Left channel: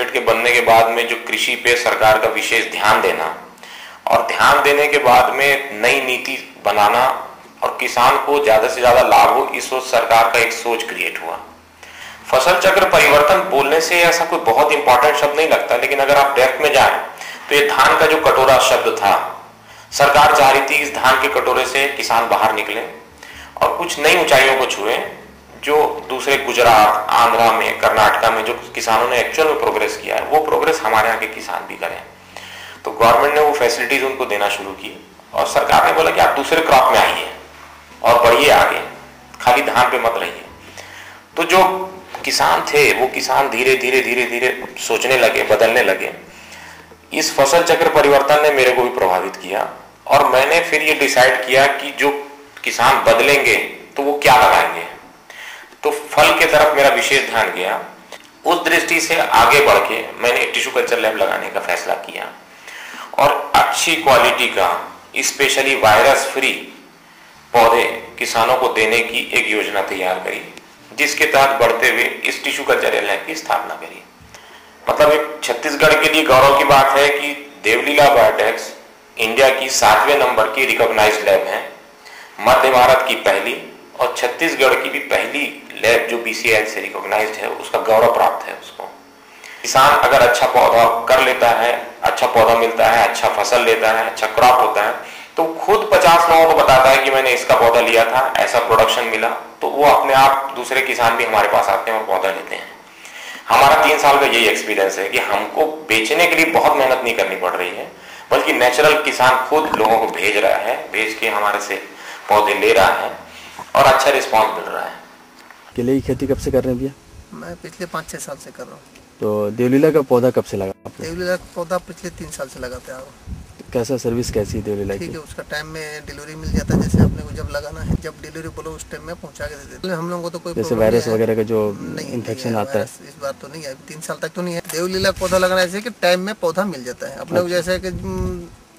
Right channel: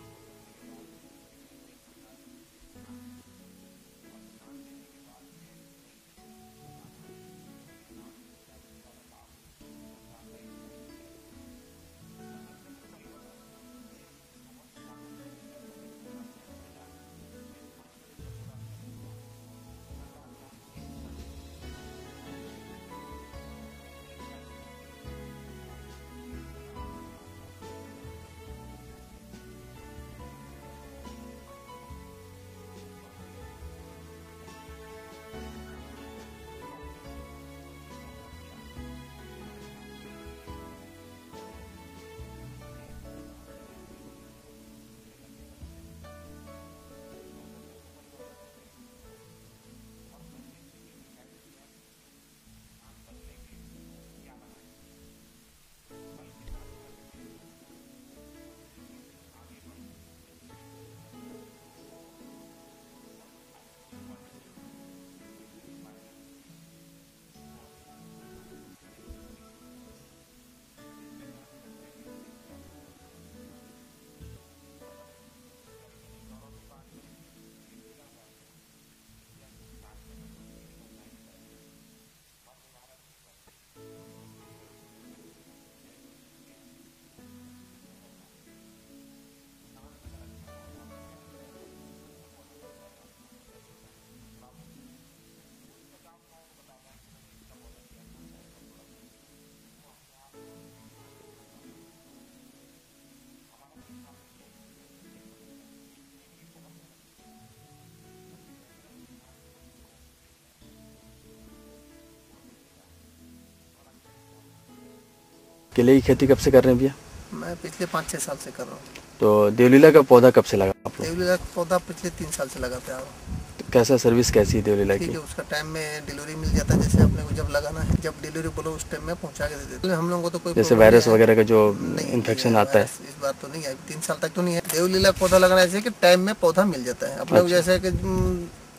State के बनने के बाद में जो कृषि पे सरकार का विशेष ध्यान देना और ध्यान देने के बाद में नई नीति बनाना और किसान को ज्यादा से ज्यादा लाभ हो, इस सोच सरकार का एक सोच क्रिएट हुआ। फसल चक्र परिवर्तन बोलने से ऐसा कोई बहुत इंपॉर्टेंट शब्द नहीं लगता, लेकिन अगर आप डेप्थ में जाएं तो ये धान का जो कटोरा शब्द था, सरकार चाह रही थी इस धान के कटोरे से किसान बाहर निकले और कुछ नई ऊंचाइयों को छुए, जो दूसरे गुजरात, आंध्रा में, कर्नाटका में जो किसानों ने एक्चुअल में प्रोग्रेस किया है, वो प्रोग्रेस हमारे यहाँ के किसान भी करें। तो गवर्नमेंट ने वो फैसिलिटीज उनको देना शुरू की और सरकार ने बोला कि आप दूसरे क्रॉप में आइए और बढ़िए आगे, खाली धान पे मत रहिए। तो जो किसान थे वो किसान धीरे धीरे धीरे धीरे सोचने लगे, बदलने लगे। इस फसल चक्र परिवर्तन ने मेरे को भी प्रभावित किया और मैंने फिर ये डिसाइड किया कि जो किसान बदलेंगे तो वो क्या लगाएंगे। तो फल के तरफ मेरा विशेष ध्यान गया। उस दृष्टि से आगे बढ़ के मैंने टिश्यू कल्चर लैब लगाने का फैसला किया और अच्छी क्वालिटी का स्पेशली वायरस फ्री पौधे किसानों को देने की एक योजना तैयार करी, जिसके तहत बढ़ते हुए इस टिश्यू कल्चर लैब की स्थापना करी। मतलब एक छत्तीसगढ़ के लिए गौरव की बात है कि देवलीला बायोटेक्स इंडिया की 7वें नंबर की रिकॉग्नाइज्ड लैब है, मध्य भारत की पहली और छत्तीसगढ़ की भी पहली लैब जो BCI से रिकॉग्नाइज्ड है, उसका गौरव प्राप्त है उसको। किसान अगर अच्छा पौधा कर लेता है, अच्छा पौधा मिलता है, अच्छा फसल लेता है, अच्छा क्रॉप होता है, तो खुद 50 लोगों को बताता है कि मैंने इसका पौधा लिया था, ऐसा प्रोडक्शन मिला, तो वो अपने आप दूसरे किसान भी हमारे पास आते हैं और पौधा लेते हैं। हमारा 3 साल का यही एक्सपीरियंस है कि हमको बेचने के लिए बहुत मेहनत नहीं करनी पड़ रही है, बल्कि नेचुरल किसान खुद लोगों को भेज रहा है, भेज के हमारे से पौधे ले रहा है और अच्छा रिस्पॉन्स मिल रहा है। केले की खेती कब से कर रहे हैं भैया? मैं पिछले 5-6 साल से कर रहा हूँ। तो देवलीला का पौधा कब से लगा आपने? देवलीला का पौधा पिछले 3 साल से लगाते आ रहा हूँ। कैसा सर्विस कैसी है देवलीला की? ठीक है, उसका टाइम में डिलीवरी मिल जाता है। जैसे अपने को जब लगाना है, जब डिलीवरी बोलो उस टाइम में पहुँचा के दे देते हैं। हम लोगों को तो कोई जैसे वायरस वगैरह का जो इन्फेक्शन आता है, इस बार तो नहीं है, 3 साल तक तो नहीं है। देवलीला पौधा लगाना ऐसे कि टाइम में पौधा मिल जाता है अपने को। जैसे कि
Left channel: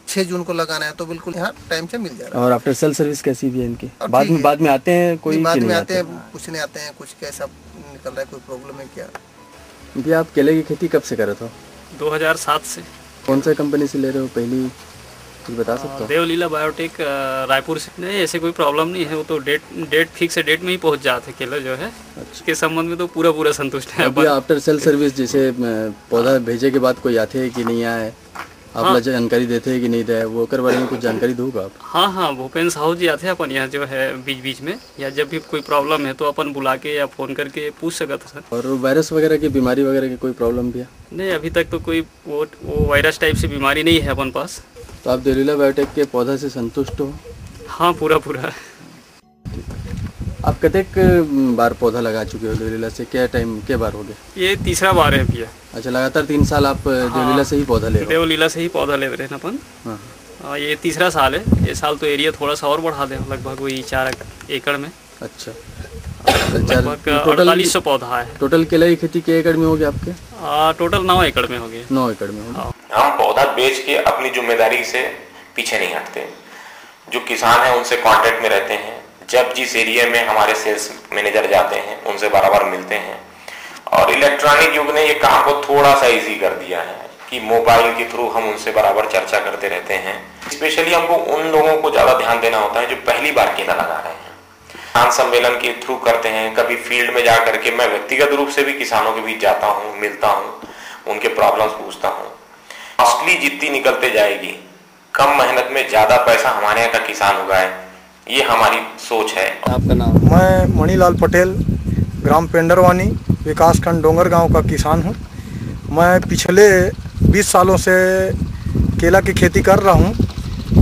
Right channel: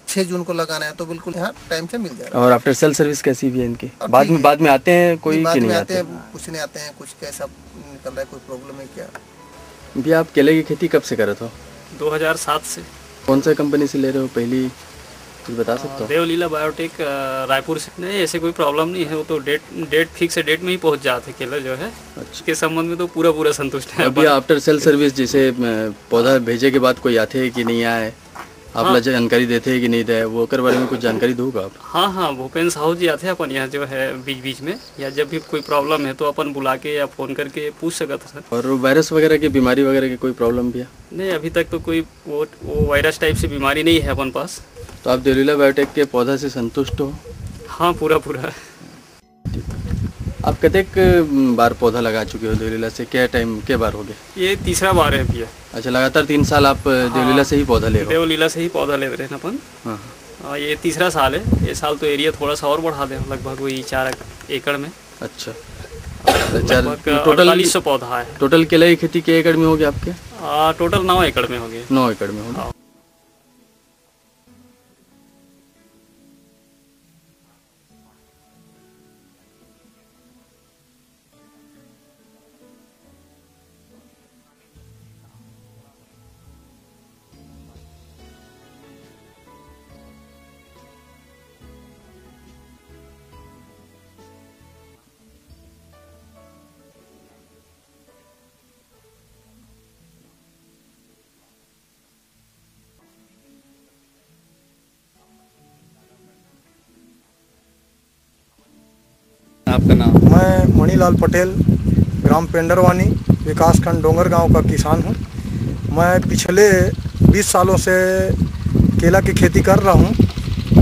6 जून को लगाना है तो बिल्कुल यहाँ टाइम से मिल जाएगा। और आफ्टर सेल सर्विस कैसी भी है इनकी? बाद में आते हैं कोई? बाद में आते हैं, कुछ नहीं आते हैं, कुछ कैसा निकल रहा है, कोई प्रॉब्लम है क्या? भैया आप केले की खेती कब से कर रहे थे? 2007 से। कौन सा कंपनी से ले रहे हो पहली, कुछ बता सकते हो? देवलीला बायोटेक रायपुर से। नहीं, ऐसे कोई प्रॉब्लम नहीं है, वो तो डेट फिक्स है, डेट में ही पहुंच जाते केला जो है। अच्छा। के संबंध में तो पूरा संतुष्ट है। अभी आफ्टर सेल सर्विस जैसे पौधा भेजे के बाद कोई आते हैं कि नहीं आए, आप लोग जानकारी देते हैं कि नहीं दे, वो कर बारे में कुछ जानकारी दोगे आप? हाँ, भूपेन साहू जी आते हैं अपन यहाँ जो है बीच में, या जब भी कोई प्रॉब्लम है तो अपन बुला के या फ़ोन करके पूछ सकते हैं। और वायरस वगैरह की बीमारी वगैरह की कोई प्रॉब्लम भी है? नहीं, अभी तक तो कोई वो वायरस टाइप से बीमारी नहीं है अपन पास। तो आप देवलीला बायोटेक के पौधा से संतुष्ट हो? हाँ, पूरा। ठीक। आप कतेक बार पौधा लगा चुके हो देवलीला से? क्या टाइम के बार हो गए? ये तीसरा बार है भैया। अच्छा, लगातार 3 साल आप देवलीला से ही पौधा ले रहे हो? देवलीला से ही पौधा ले रहे हैं अपन। हाँ, ये तीसरा साल है। ये साल तो एरिया थोड़ा सा और बढ़ा दें, लगभग वही 4 एकड़ में। अच्छा, 4800 पौधा है। टोटल केले की खेती के एकड़ में हो गया आपके? टोटल 9 एकड़ में हो गए। 9 एकड़ में हो गया। हम पौधा बेच के अपनी जिम्मेदारी से पीछे नहीं हटते। जो किसान है उनसे कांटेक्ट में रहते हैं। जब जिस एरिया में हमारे सेल्स मैनेजर जाते हैं उनसे बार मिलते हैं। और इलेक्ट्रॉनिक युग ने ये काम को थोड़ा सा इजी कर दिया है कि मोबाइल के थ्रू हम उनसे बराबर चर्चा करते रहते हैं। स्पेशली हमको उन लोगों को ज़्यादा ध्यान देना होता है जो पहली बार केला लगा रहे हैं। किसान सम्मेलन के थ्रू करते हैं, कभी फील्ड में जा करके मैं व्यक्तिगत रूप से भी किसानों के बीच जाता हूँ, मिलता हूँ, उनके प्रॉब्लम्स पूछता हूँ। कॉस्टली जितनी निकलते जाएगी, कम मेहनत में ज़्यादा पैसा हमारे यहाँ का किसान उगाए, ये हमारी सोच है। आपका नाम? मैं मणिलाल पटेल, ग्राम पेंडरवानी, विकासखंड डोंगर गांव का किसान हूं। मैं पिछले 20 सालों से केला की खेती कर रहा हूं।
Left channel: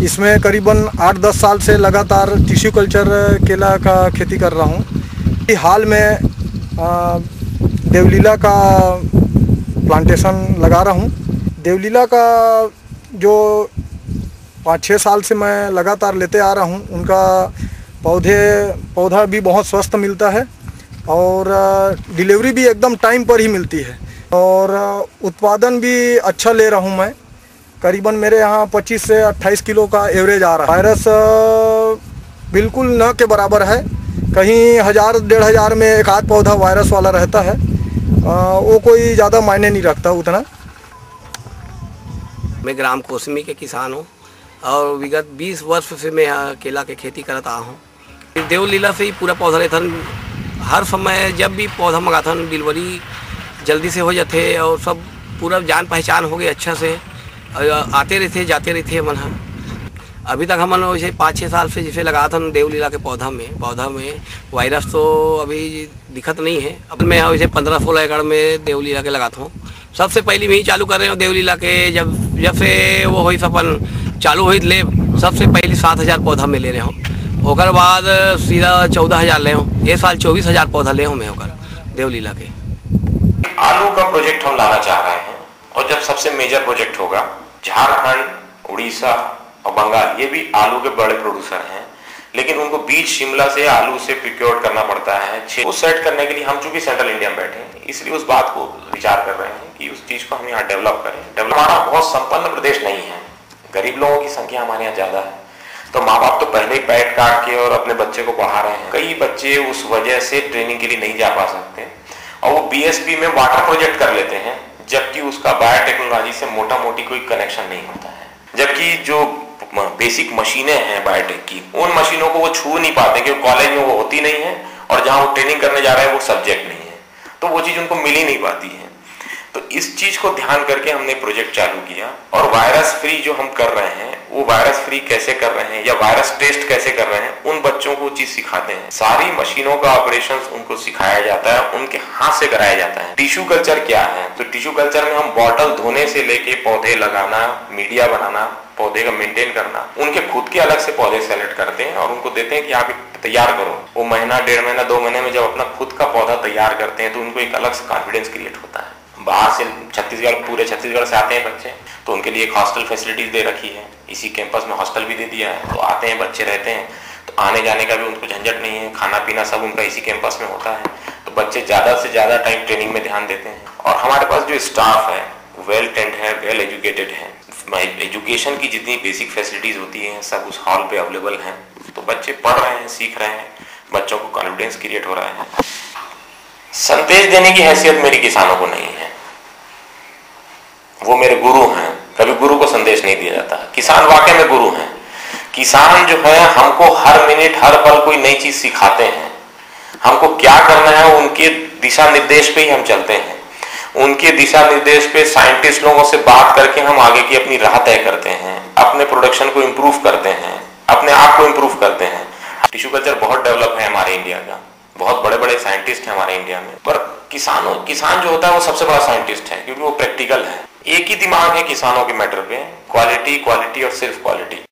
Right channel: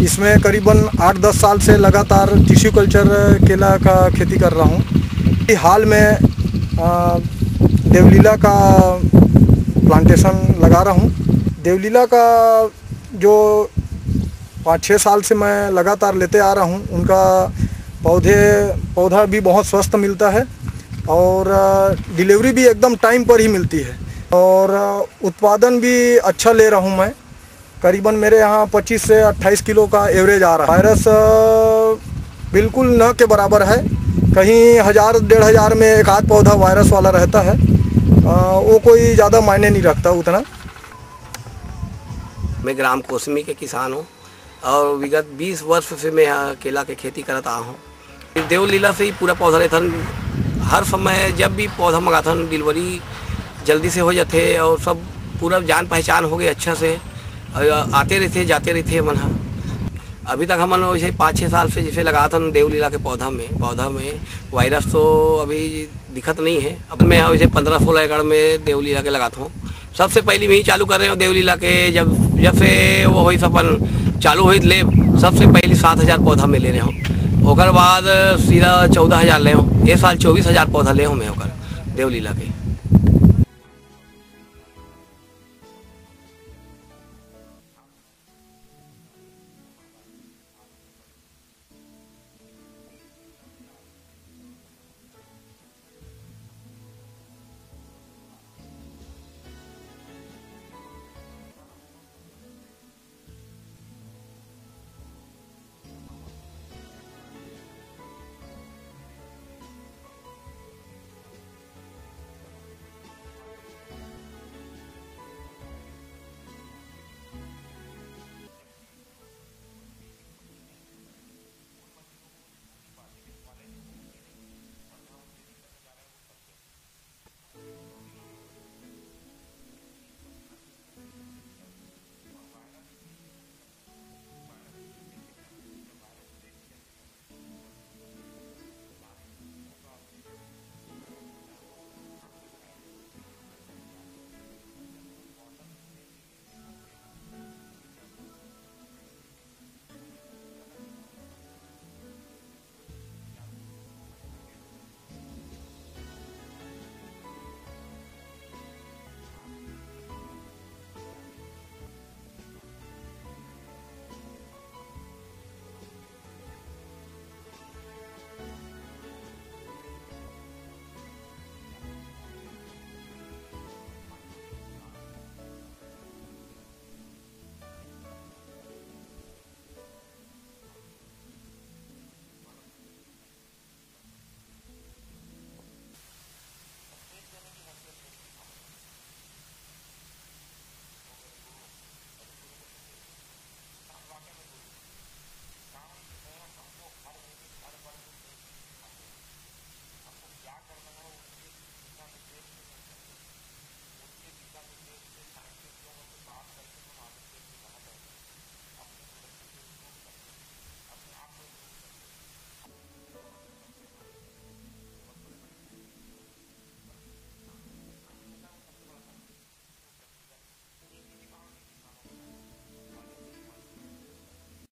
इसमें करीबन 8-10 साल से लगातार टिश्यू कल्चर केला का खेती कर रहा हूं। हाल में देवलीला का प्लांटेशन लगा रहा हूं। देवलीला का जो 5-6 साल से मैं लगातार लेते आ रहा हूं, उनका पौधा भी बहुत स्वस्थ मिलता है और डिलीवरी भी एकदम टाइम पर ही मिलती है और उत्पादन भी अच्छा ले रहा हूं मैं। करीबन मेरे यहाँ 25 से 28 किलो का एवरेज आ रहा है। वायरस बिल्कुल न के बराबर है। कहीं 1000-1500 में एक आध पौधा वायरस वाला रहता है, वो कोई ज़्यादा मायने नहीं रखता उतना। मैं ग्राम कोसमी के किसान हूँ और विगत 20 वर्ष से मैं यहाँ केला के खेती करता हूँ। देवलीला से ही पूरा पौधा रहता, हर समय जब भी पौधा मंगाता डिलीवरी जल्दी से हो जाते और सब पूरा जान पहचान हो गई अच्छा से, आते रहते जाते रहते मन। अभी तक हमन वैसे 5-6 साल से जैसे लगा था देवलीला के पौधा में वायरस तो अभी दिखत नहीं है। अब मैं वैसे 15-16 एकड़ में देवलीला के लगाता हूँ। सबसे पहले मैं ही चालू कर रहे हूँ देवलीला के, जब से वो हुई सपन चालू हुई लेब, सबसे पहले 7,000 पौधा में ले रहे हूँ। ओकर बाद सीधा 14,000 ले हूँ। ये साल 24,000 पौधा ले हूँ मैं ओकर देवलीला के। आलू का प्रोजेक्ट हम लाना चाह रहे हैं और जब सबसे मेजर प्रोजेक्ट होगा, झारखंड, उड़ीसा और बंगाल ये भी आलू के बड़े प्रोड्यूसर हैं, लेकिन उनको बीज शिमला से आलू से प्रोक्योर करना पड़ता है। वो सेट करने के लिए हम चूंकि सेंट्रल इंडिया में बैठे हैं, इसलिए उस बात को विचार कर रहे हैं कि उस चीज को हम यहाँ डेवलप करें। हमारा बहुत संपन्न प्रदेश नहीं है, गरीब लोगों की संख्या हमारे यहाँ ज्यादा है, तो माँ बाप तो पहले ही पैड काट के और अपने बच्चे को पढ़ा रहे हैं। कई बच्चे उस वजह से ट्रेनिंग के लिए नहीं जा पा सकते और वो बीएसपी में वाटर प्रोजेक्ट कर लेते हैं, जबकि उसका बायोटेक्नोलॉजी से मोटा मोटी कोई कनेक्शन नहीं होता है। जबकि जो बेसिक मशीनें हैं बायोटेक की, उन मशीनों को वो छू नहीं पाते क्योंकि कॉलेज में वो होती नहीं है और जहां वो ट्रेनिंग करने जा रहे हैं वो सब्जेक्ट नहीं है, तो वो चीज उनको मिल ही नहीं पाती है। तो इस चीज को ध्यान करके हमने प्रोजेक्ट चालू किया और वायरस फ्री जो हम कर रहे हैं वो वायरस फ्री कैसे कर रहे हैं या वायरस टेस्ट कैसे कर रहे हैं, उन बच्चों को चीज सिखाते हैं। सारी मशीनों का ऑपरेशंस उनको सिखाया जाता है, उनके हाथ से कराया जाता है। टिश्यू कल्चर क्या है, तो टिश्यू कल्चर में हम बॉटल धोने से लेके पौधे लगाना, मीडिया बनाना, पौधे का मेंटेन करना, उनके खुद के अलग से पौधे सेलेक्ट करते हैं और उनको देते हैं कि आप तैयार करो। वो महीना, 1.5 महीना, 2 महीने में जब अपना खुद का पौधा तैयार करते हैं तो उनको एक अलग से कॉन्फिडेंस क्रिएट होता है। बाहर से छत्तीसगढ़, पूरे छत्तीसगढ़ से आते हैं बच्चे, तो उनके लिए एक हॉस्टल फैसिलिटीज दे रखी है, इसी कैंपस में हॉस्टल भी दे दिया है, तो आते हैं बच्चे रहते हैं, तो आने जाने का भी उनको झंझट नहीं है, खाना पीना सब उनका इसी कैंपस में होता है, तो बच्चे ज्यादा से ज्यादा टाइम ट्रेनिंग में ध्यान देते हैं। और हमारे पास जो स्टाफ है वेल ट्रेंड है, वेल एजुकेटेड है, एजुकेशन की जितनी बेसिक फैसिलिटीज होती हैं सब उस हॉल पे अवेलेबल हैं, तो बच्चे पढ़ रहे हैं, सीख रहे हैं, बच्चों को कॉन्फिडेंस क्रिएट हो रहा है। संदेश देने की हैसियत मेरी किसानों को नहीं है, वो मेरे गुरु हैं, कभी गुरु को संदेश नहीं दिया जाता। किसान वाकई में गुरु हैं। किसान जो है हमको हर मिनट हर पल कोई नई चीज सिखाते हैं, हमको क्या करना है उनके दिशा निर्देश पे ही हम चलते हैं, उनके दिशा निर्देश पे साइंटिस्ट लोगों से बात करके हम आगे की अपनी राह तय करते हैं, अपने प्रोडक्शन को इम्प्रूव करते हैं, अपने आप को इम्प्रूव करते हैं। टिश्यू कल्चर बहुत डेवलप है हमारे इंडिया का, बहुत बड़े बड़े साइंटिस्ट हैं हमारे इंडिया में, पर किसान जो होता है वो सबसे बड़ा साइंटिस्ट है क्योंकि वो प्रैक्टिकल है। एक ही दिमाग है किसानों के मैटर पे, क्वालिटी, क्वालिटी और सिर्फ क्वालिटी।